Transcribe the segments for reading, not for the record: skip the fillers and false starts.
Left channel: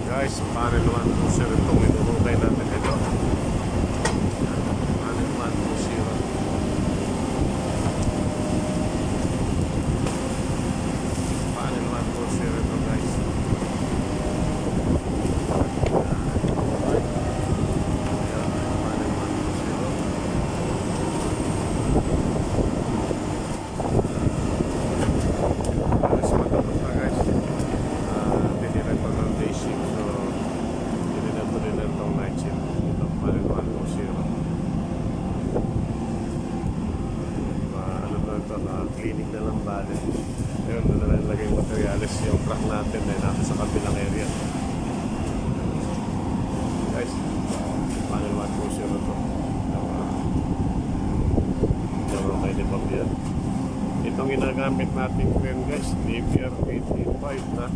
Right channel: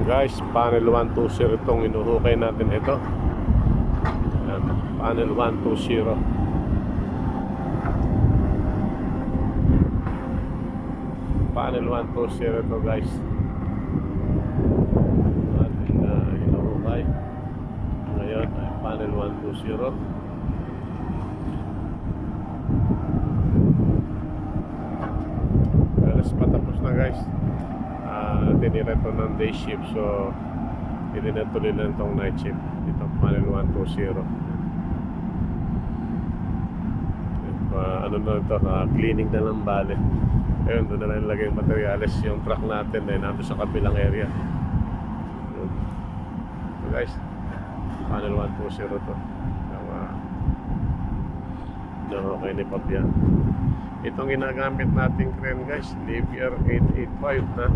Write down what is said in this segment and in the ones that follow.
Guys, panel 120 itong inuhukay natin ito. Yan, panel 120. Panel 120 ito guys. Inuhukay. Ngayon, panel 120. Alas matapos na guys. Tinira ito ng day shift, so hindi na tuloy na itong night shift. Itong panel 120. Ano na ito, cleaning na lang bale. Ayun, doon na lang ilagay yung materials. Yung truck natin ay nato sa kabilang area. So guys, panel 120 to. Okay ni Fabian. Itong ginagamit nating crane guys, DBR 885 na.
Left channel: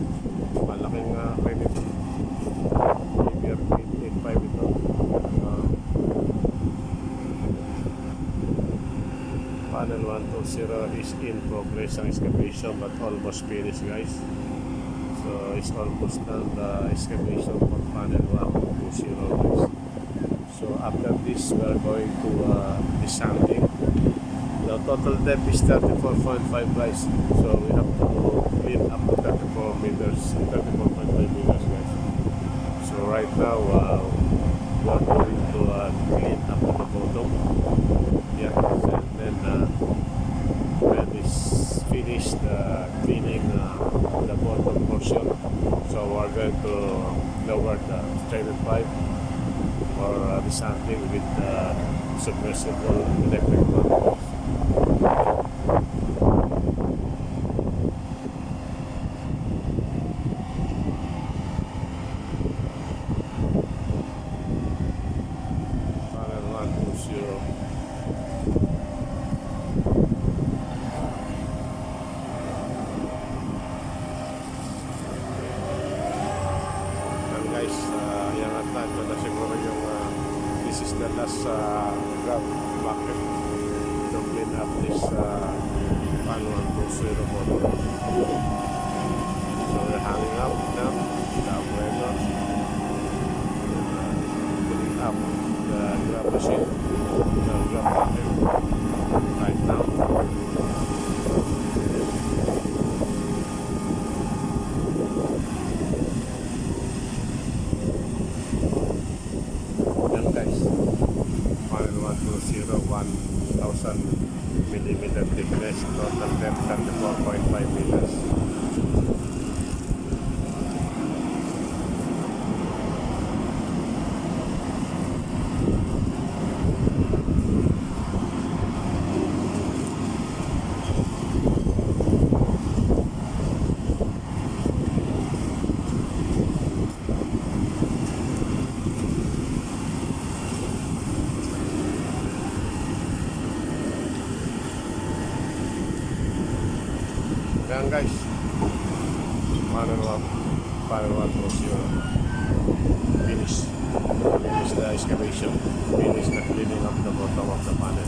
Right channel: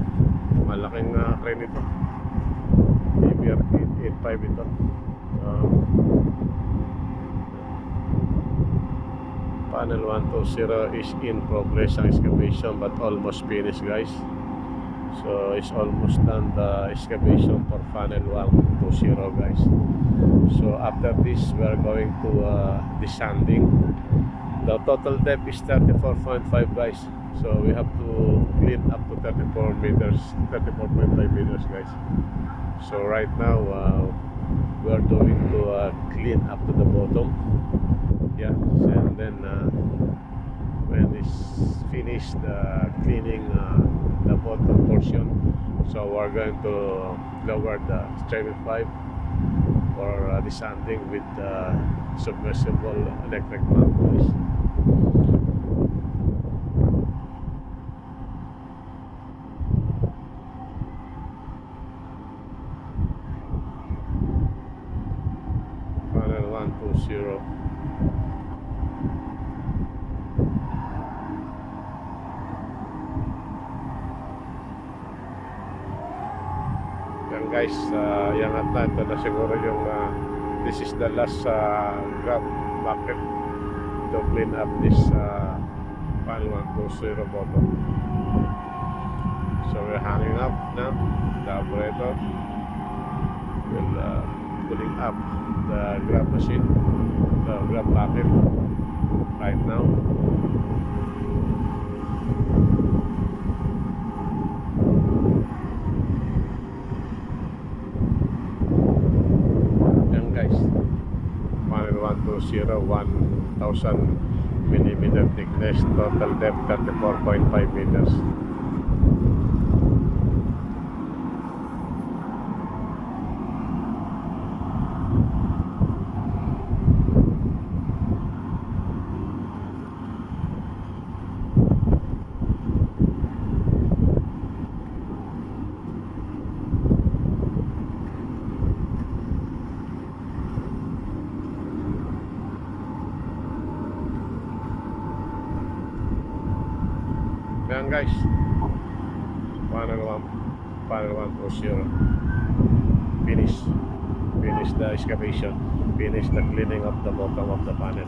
Malaking crane ito. DBR 885 ito. Panel 120 is in progress ang excavation but almost finished guys. So it's almost done the excavation for panel 120 guys. So after this we are going to descending. The total depth is 34.5 guys. So we have to clean up to 34 meters, 34.5 meters guys. So right now we are going to clean up to the bottom. Yeah, and then when it's finished cleaning the bottom portion, so we're going to lower the straight pipe for descending with the submersible electric pump. Panel 120. Yan guys, yangat na ito na siguro yung this is the last grab bucket to clean up this pan 120 bottom. So we're hanging up now the operator and putting up the grab machine, the grab bucket right now. Yan guys, panel 120, 1,000 millimeter thickness, total depth 34.5 meters. Yan guys, panel 120 finish the excavation, finish the cleaning of the bottom of the panel.